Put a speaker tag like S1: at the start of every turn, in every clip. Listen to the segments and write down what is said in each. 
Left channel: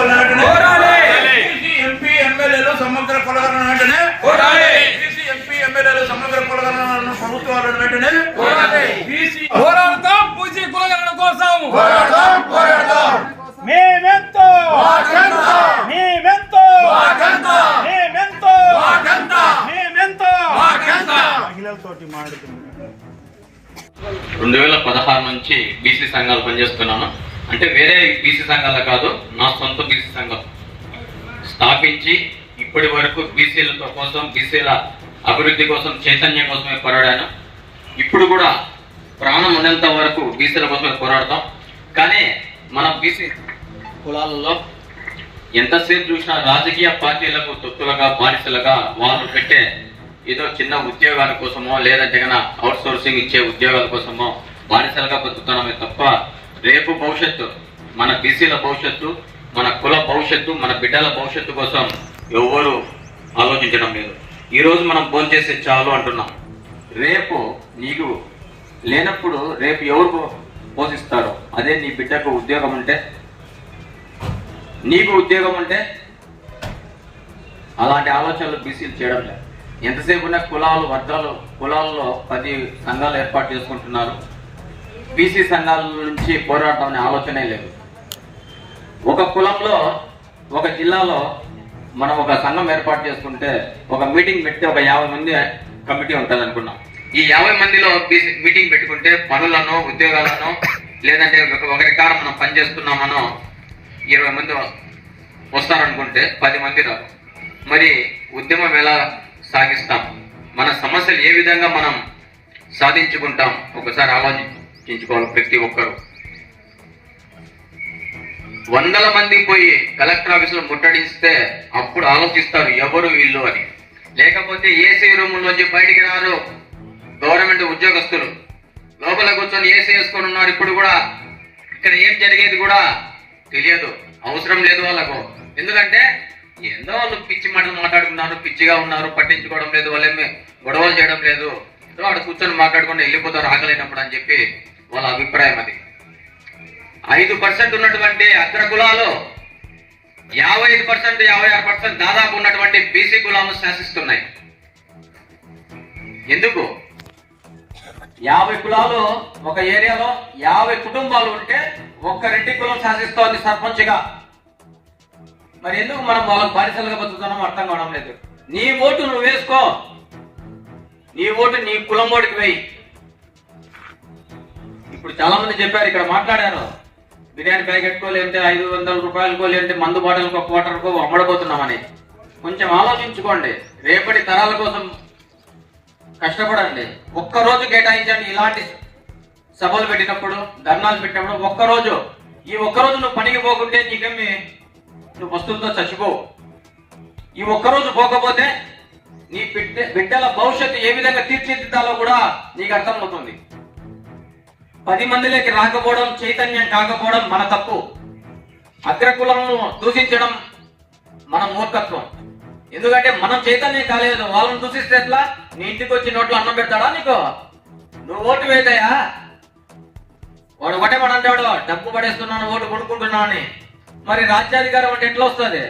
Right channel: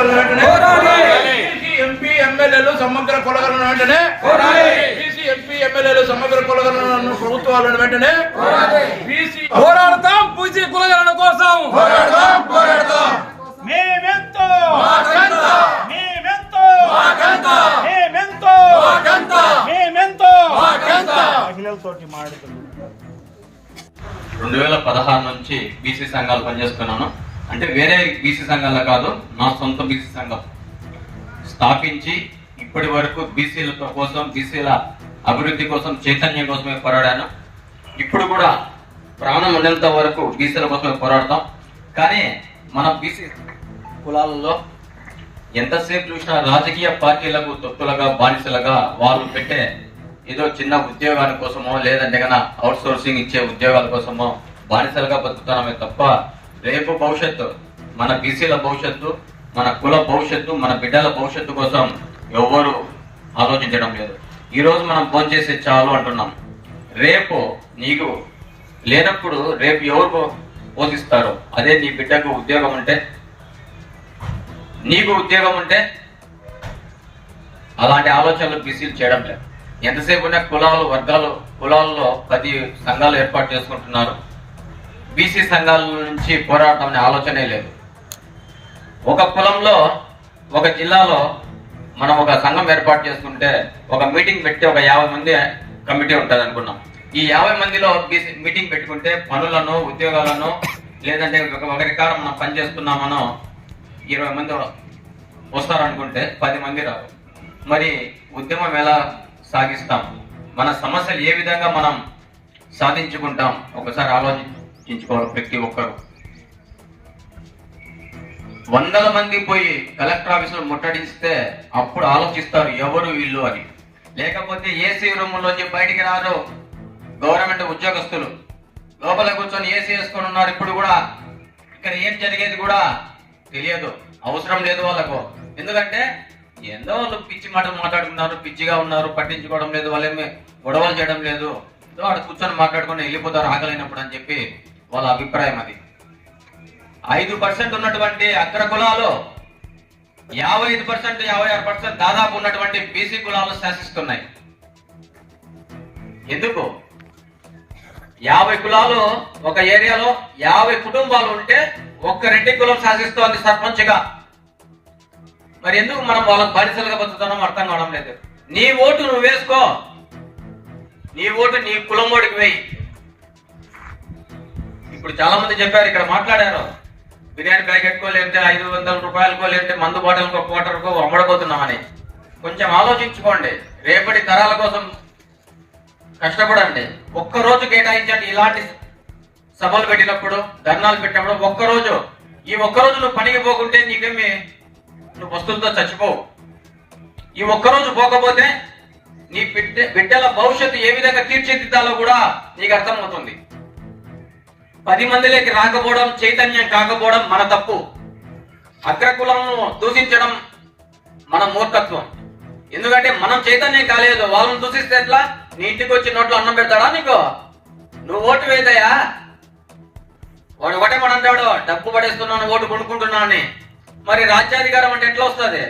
S1: ప్రభుత్వాలను వెంటనే. BC MP ఎమ్మెల్యేలు సమగ్ర కులగణన వెంటనే. బీసీ ఎంపీ ఎమ్మెల్యేలు సమగ్ర కులగణన ప్రభుత్వాలను వెంటనే. బీసీ
S2: పోరాడతాం పూజీ కులగణన కోసం. మేమెంతో. మేమెంతో. మేమెంతో. మేమెంతో.
S3: రెండు వేల పదహారు నుంచి బీసీ సంఘాలు పనిచేస్తున్నాను. అంటే వేరే బీసీ సంఘాల కాదు నా సొంత బీసీ సంఘం. స్థాపించి ఇప్పటి వరకు బీసీలతో కోసం బీసీల అభివృద్ధి కోసం చైతన్యం కోసమే పోరాడాను. ఇప్పుడు కూడా ప్రాణం ఉన్నంత వరకు బీసీల కోసమే పోరాడతాం. కానీ మన బీసీ కులాలలో ఎంతసేపు చూసినా రాజకీయ పార్టీలకు తొత్తులుగా బానిసలుగా వాళ్ళు పెట్టే ఏదో చిన్న ఉద్యోగాల కోసమో లేదంటే కన్నా అవుట్ సోర్సింగ్ ఇచ్చే ఉద్యోగాల కోసమో బానిసలుగా బతుకుతున్నామే తప్ప రేపు భవిష్యత్తు మన బీసీల భవిష్యత్తు మన కుల భవిష్యత్తు మన బిడ్డల భవిష్యత్తు కోసం ఎవ్వరు ఆలోచించడం లేదు. ఈరోజు మనం ఫోన్ చేసి చాలు అంటున్నాం. రేపు నీకు లేనప్పుడు రేపు ఎవరు పోషిస్తారు? అదే నీ బిడ్డకు ఉద్యోగం ఉంటే? నీకు ఉద్యోగం ఉంటే? అలాంటి ఆలోచనలు బీసీలు చేయడం లేదు. ఎంతసేపు ఉన్న కులాలు వర్గాలు కులాల్లో పది సంఘాలు ఏర్పాటు చేసుకుంటున్నారు. బీసీ సంఘాల నుంచి పోరాటం అనే ఆలోచనే లేదు. ఒక కులంలో ఒక జిల్లాలో మనం ఒక సంఘం ఏర్పాటు చేసుకుంటే ఒక మీటింగ్ పెట్టి ఒక యాభై మంది కమిటీ ఉంటుంది అనుకున్నాం. ఈ యాభై మందిలో బీసీ మీటింగ్ పెట్టుకుంటే పనులను ఉద్యోగాలను లేదంటే ఒక- ఒకరి మనం పని చేస్తున్నామనో ఇరవై మంది వస్తారనుకుంటే పది మంది రారు మరి ఉద్యమం ఎలా సాగిస్తాం? మన సమస్యలు ఏ విధంగా మనం సాధించుకుంటాం? ఒకసారి గుర్తించుకోవాలి ప్రతి ఒక్కరు. వందల మంది పోయి కలెక్టర్ ఆఫీసులో ముట్టడిస్తే అప్పుడు ఆలోచిస్తారు ఎవరు వీళ్ళు అని. లేకపోతే ఏసీ రూమ్ నుంచి బయటికి రారు గవర్నమెంట్ ఉద్యోగస్తులు. లోపల కూర్చొని ఏసీ వేసుకొని ఉన్నారు ఇప్పుడు కూడా. ఇక్కడ ఏం జరిగేది కూడా తెలియదు. అవసరం లేదు వాళ్ళకు. ఎందుకంటే ఏందో వాళ్ళు పిచ్చి మాటలు మాట్లాడుతున్నారు పిచ్చిగా ఉన్నారు పట్టించుకోవడం లేదు వాళ్ళేమి గొడవలు చేయడం లేదు. ఏదో ఆడ కూర్చొని మాట్లాడుకుని వెళ్ళిపోతారు ఆకలేనప్పుడు అని చెప్పి వాళ్ళ అభిప్రాయం అది. ఐదు పర్సెంట్ ఉన్నటువంటి అగ్ర కులాలు యాభై ఐదు పర్సెంట్ యాభై ఆరు పర్సెంట్ దాదాపు ఉన్నటువంటి బీసీ కులాలు శాసిస్తున్నాయి. ఎందుకు? యాభై కులాలు ఒక ఏరియాలో యాభై కుటుంబాలు ఉంటే ఒక్క రెడ్డి కులం శాసిస్తోంది సర్పంచ్గా. మరి ఎందుకు మనం వాళ్ళని బానిసలుగా బతుకుతున్నాం అర్థం కావడం లేదు. నీ ఓటు నువ్వు వేసుకో నీ ఓటు నీ కులం వాడికి వేయి. ఇప్పుడు చాలా మంది చెప్పారు ఇక్కడ మాట్లాడారు బిర్యానీ ప్యాకెట్కో లేదంటే ఐదు వందల రూపాయలకో లేదంటే మందు బాటలకో క్వార్టర్కో అమ్మడిపోతున్నామని కొంచెం ఆలోచించుకోండి. రేపటి తరాల కోసం కష్టపడండి. ఒక్క రోజు కేటాయించండి ఇలాంటి సభలు పెట్టినప్పుడు ధర్నాలు పెట్టినప్పుడు ఒక్క రోజు ఈ ఒక్కరోజు నువ్వు పనికి పోకుంటే నీకేమి? నువ్వు వస్తుందో చచ్చిపోవు. ఈ ఒక్క రోజు పోకపోతే నీ బిడ్డ బిడ్డల భవిష్యత్తు ఏ విధంగా తీర్చిదిద్దాలో కూడా నీకు అర్థమవుతుంది. పది మందిలోకి రాకపోవడం చైతన్యం కాకపోవడం మన తప్పు. అగ్రకులను దూషించడం మన మూర్ఖత్వం. ఎందుకంటే మనం చైతన్యం కాలేదు. వాళ్ళని దూషిస్తే ఎట్లా? నీ ఇంటికి వచ్చి నోట్లో అన్నం పెడతాడా నీకు? నువ్వు ఓటు వేద్దాయా వాడు ఒకటే మన అంటాడు డబ్బు పడేస్తున్నాను ఓటు కొనుక్కుంటున్నాను అని మరి రాజ్యాధికారం అంటే ఎట్లా వస్తుంది?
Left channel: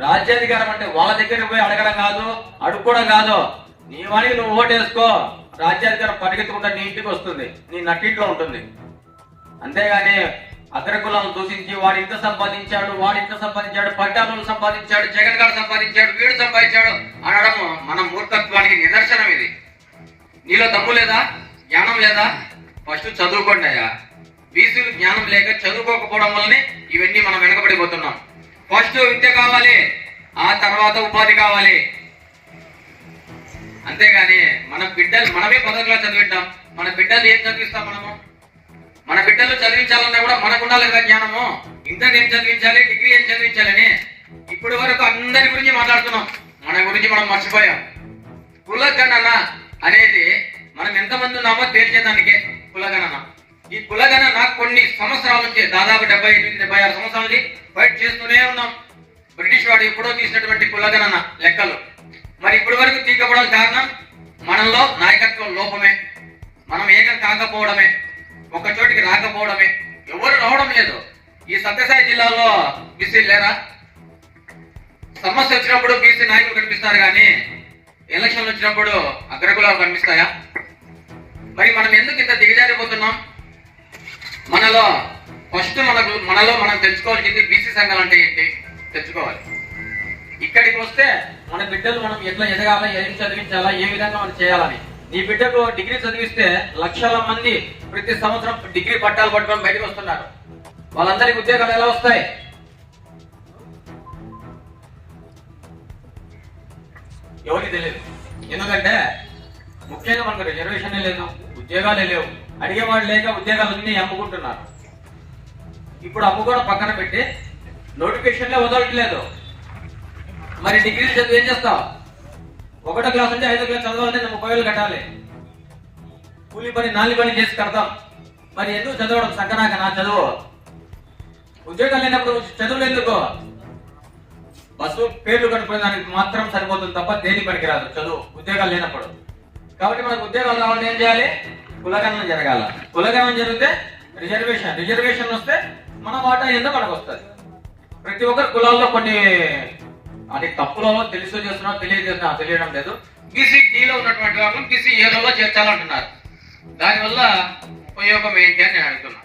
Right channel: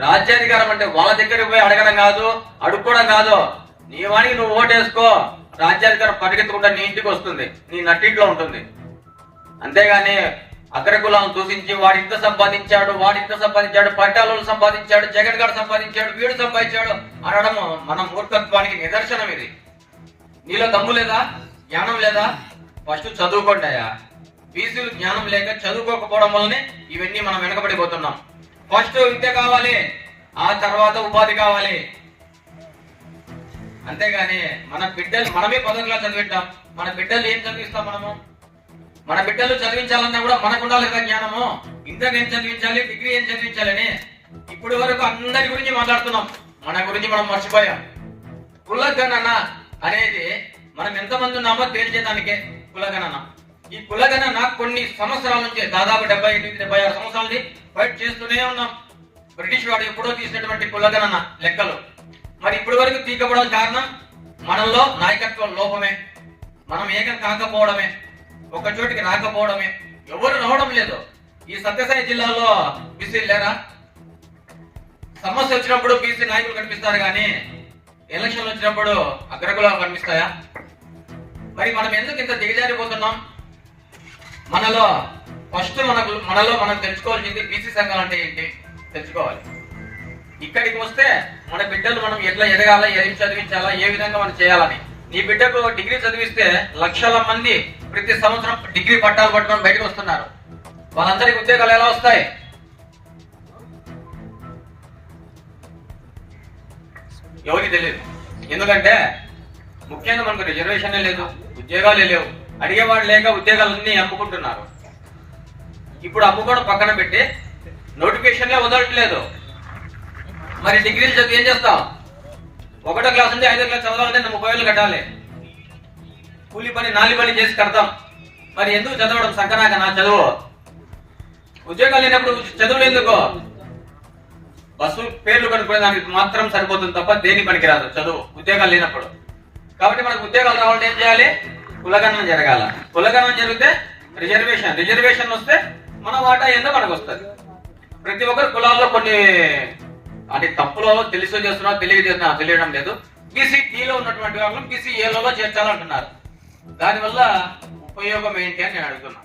S3: రాజ్యాధికారం అంటే వాళ్ళ దగ్గరికి పోయి అడగడం కాదు అడుక్కోవడం కాదు. నీ వానికి నువ్వు ఓటేసుకో రాజ్యాధికారం పరిగెత్తుకుంటా నీ ఇంటికి వస్తుంది నీ నట్టింట్లో ఉంటుంది. అంతేగాని అగ్రకులం దూషించి వాడు ఇంత సంపాదించాడు వాడు ఇంత సంపాదించాడు పట్టాలు సంపాదించాడు జగన్ గారు సంపాదించాడు వీడు సంపాదించాడు అనడం మన మూర్ఖత్వానికి నిదర్శనం ఇది. నీలో దమ్ము లేదా? జ్ఞానం లేదా? ఫస్ట్ చదువుకోండి అయ్యా. బీసీలు జ్ఞానం లేక చదువుకోకపోవడం వల్లనే ఇవన్నీ మనం వెనకబడిపోతున్నాం. ఫస్ట్ విద్య కావాలి ఆ తర్వాత ఉపాధి కావాలి. అంతేగాని మన బిడ్డలు మనమే పదవిలో చదివిద్దాం. మన బిడ్డలు ఏం చదివిస్తాం మనము? మన బిడ్డలు చదివించాలన్నా కూడా మనకు ఉండాలి కదా జ్ఞానము. ఇంటర్ ఏం చదివించాలి డిగ్రీ ఏం చదివించాలని ఇప్పటి వరకు అందరి గురించి మాట్లాడుతున్నాం. మన గురించి మనం మర్చిపోయాం. కులగణన అనేది మనం ఎంతమంది ఉన్నామో తేల్చేదానికే కులగణన. ఈ కులగణన కొన్ని సంవత్సరాల నుంచి దాదాపు డెబ్బై ఎనిమిది డెబ్బై ఆరు సంవత్సరాల నుంచి ఫైట్ చేస్తూనే ఉన్నాం. బ్రిటిష్ వాడు ఎప్పుడో తీసినటువంటి కులగణన లెక్కలు. మరి ఇప్పటి వరకు తీయకపోవడం కారణం మనల్లో నాయకత్వ లోపమే. మనం ఏకం కాకపోవడమే. ఒక చోటికి రాకపోవడమే. ఎవరు రావడం లేదు. ఈ సత్యసాయి జిల్లాలో బీసీ లేరా? సమస్య వచ్చినప్పుడు బీసీ నాయకులు కనిపిస్తారు కానీ ఎలక్షన్లు వచ్చినప్పుడు అగ్రకులాలు కనిపిస్తాయా? మరి మనం ఎందుకు ఇంత దిగజారిపోతున్నాం? మనలో ఫస్ట్ మనకు మనలో మనం తెలుసుకోవాల్సింది బీసీ సంఘాలు అంటే ఏంటి? తెలుసుకోవాలి. ఇక్కడికి వస్తే మన బిడ్డలు మనం ఎట్లా ఎదగాలా ఏం చదివించాలా ఏ విధంగా మనం చేయాలని. నీ బిడ్డకు డిగ్రీ చదివిస్తే లక్షల మంది ప్రతి సంవత్సరం డిగ్రీ పట్టాలు పట్టుకొని బయటకు వస్తున్నారు. వాళ్ళందరికీ ఉద్యోగాలు ఎలా వస్తాయి? ఎవరికి తెలియదు. ఎందుకంటే ముఖ్యంగా మనకు రిజర్వేషన్ లేదు ఉద్యోగాలే లేవు. అడిగేవాడు లేక ఉద్యోగాలన్నీ అమ్ముకుంటున్నారు. ఇప్పుడు అమ్ముకోవడం పక్కన పెట్టి నోటిఫికేషన్లే వదలట్లేదు. మరి డిగ్రీలు చదివి ఏం చేస్తాం? ఒకటో క్లాస్ ఉంటే ఐదో క్లాస్ చదవాలంటే ముప్పై వేలు కట్టాలి. కూలి పని నాలి పని చేసి కడతాం. మరి ఎందుకు చదవడం సంకరాక నా చదువు? ఉద్యోగాలు లేనప్పుడు చదువులు ఎందుకు? బస్సు పేర్లు కనుక్కునే దానికి మాత్రం సరిపోతుంది తప్ప దేని పనికిరాదు చదువు ఉద్యోగాలు లేనప్పుడు. కాబట్టి మనకు ఉద్యోగాలు రావాలంటే ఏం చేయాలి? కులగణన జరగాల. కులగణన జరిగితే రిజర్వేషన్ రిజర్వేషన్ వస్తే మన వాటా ఏందో మనకు వస్తుంది? ప్రతి ఒక్కరు కులాల్లో కొన్ని అది తప్పులో తెలుసో చేస్తున్నా తెలియజేస్తున్నా తెలియడం లేదు. బీసీ లో ఉన్నటువంటి వాళ్ళని బీసీ ఏలో చేర్చాలంటున్నారు. దానివల్ల ఉపయోగం ఏంటి అని నేను అడుగుతున్నా.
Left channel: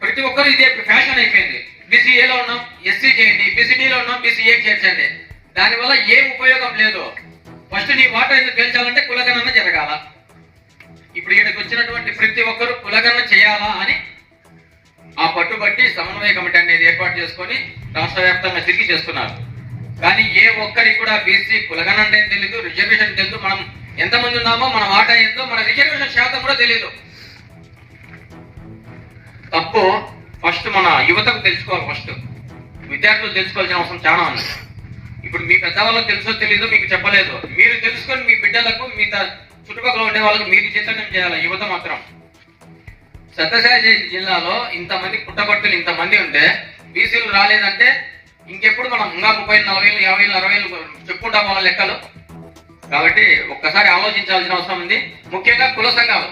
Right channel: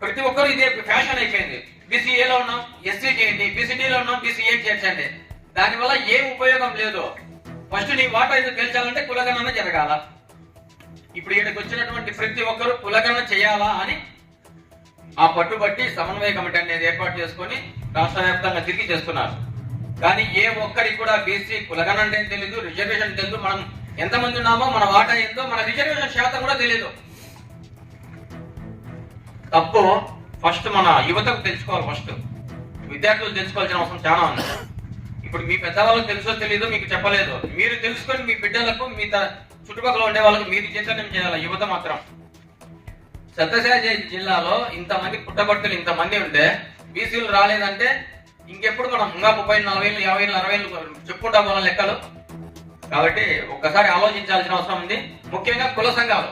S3: ప్రతి ఒక్కరు ఇదే ఫ్యాషన్ అయిపోయింది. బీసీఏలో ఉన్నాం ఎస్సీ చేయండి. బీసీడీలో ఉన్నాం బీసీఏ చేర్చండి. దానివల్ల ఏం ఉపయోగం లేదు ఫస్ట్ నీ మాట ఎందుకు తేల్చాలంటే కులగణన జరగాల. ఇప్పుడు ఈయనకు వచ్చినటువంటి ప్రతి ఒక్కరు కులగణన చేయాలా అని ఆ పట్టుబట్టి సమన్వయ కమిటీ అనేది ఏర్పాటు చేసుకొని రాష్ట్ర వ్యాప్తంగా తిరిగి చేస్తున్నారు. కానీ ఏ ఒక్కరికి కూడా బీసీ కులగణన అంటే తెలీదు రిజర్వేషన్ తెలియదు మనం ఎంతమంది ఉన్నామో మన వాటా ఏందో మన రిజర్వేషన్ శాతం కూడా తెలియదు తప్పు ఫస్ట్ మన యువతకు తెలుసుకోవాలి ఫస్ట్. విద్యార్థులు తెలుసుకోవాల్సిన అవసరం చాలా ఉంది. ఇప్పుడు మీ పెద్దవాళ్ళకి తెలుసో తెలియదో మీకు చెప్పలేదు. మీరు తెలుసుకొని మీ బిడ్డలకు మీ త- చుట్టుపక్కల ఉండే వాళ్ళకి మీరు చైతన్యం చేయాలి యువత మాత్రం. సత్యసాయి జిల్లాలో ఇంతమంది పుట్టబట్టులు ఇంతమంది ఉంటే బీసీలు రాలేదంటే ఇంకెప్పుడు మనం ఇంకా ముప్పై నలభై వేలు యాభై వేలు అరవై వేలు చెప్పుకుంటాం మన లెక్కలు. కాబట్టి ఒక్కసారి ఆలోచించాల్సిన అవసరం ఉంది. ముఖ్యంగా కుల సంఘాలు.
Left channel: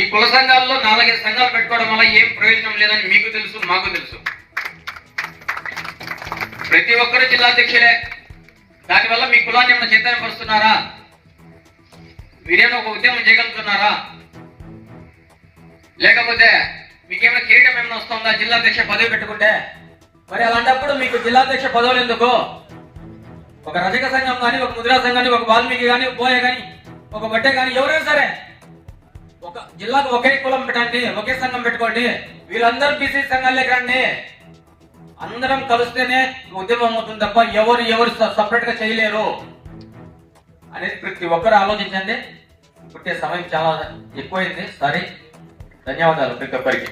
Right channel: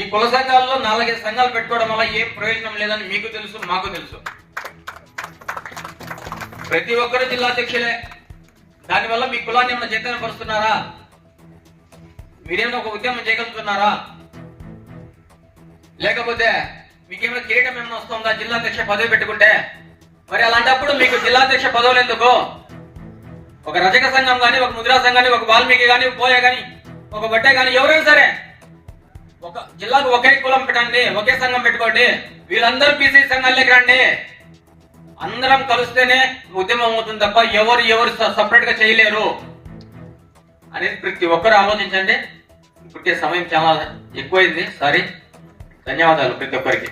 S3: ఈ కుల సంఘాల్లో నాలుగైదు సంఘాలు పెట్టుకోవడం వల్ల ఏం ప్రయోజనం లేదని మీకు తెలుసు మాకు తెలుసు. ప్రతి ఒక్కరు జిల్లా అధ్యక్షులే. దానివల్ల మీ కులాన్ని ఏమైనా చైతన్యం పరుస్తున్నారా మీరేమైనా ఒక ఉద్యమం చేయగలుగుతున్నారా? లేకపోతే మీకేమైనా కిరీటం ఏమైనా వస్తుందా? జిల్లా అధ్యక్ష పదవి పెట్టుకుంటే? మరి అలాంటప్పుడు మీకు జిల్లా అధ్యక్ష పదవులు ఎందుకు? ఒక రజక సంఘం కానీ ఒక ముద్రా సంఘం కానీ ఒక వాల్మీకి కానీ పోయే కానీ ఒక బట్టే కానీ ఎవరైనా సరే ఒక జిల్లాకు ఒకే కులం పెట్టండి ఒకే సంఘం పెట్టుకోండి వీళ్ళందరూ బీసీ సంఘాల్లోకి రండి అందరం కలిస్తేనే ఉద్యమం అవుతుంది తప్ప ఎవరు ఎవరు సపరేట్గా చేయలేరు అనేది ప్రతి ఒక్కరు ఆలోచించండి. పుట్టే సమయం చాలా ఎక్కువైంది. సారీ ధన్యవాదాలు ప్రతి ఒక్కరికి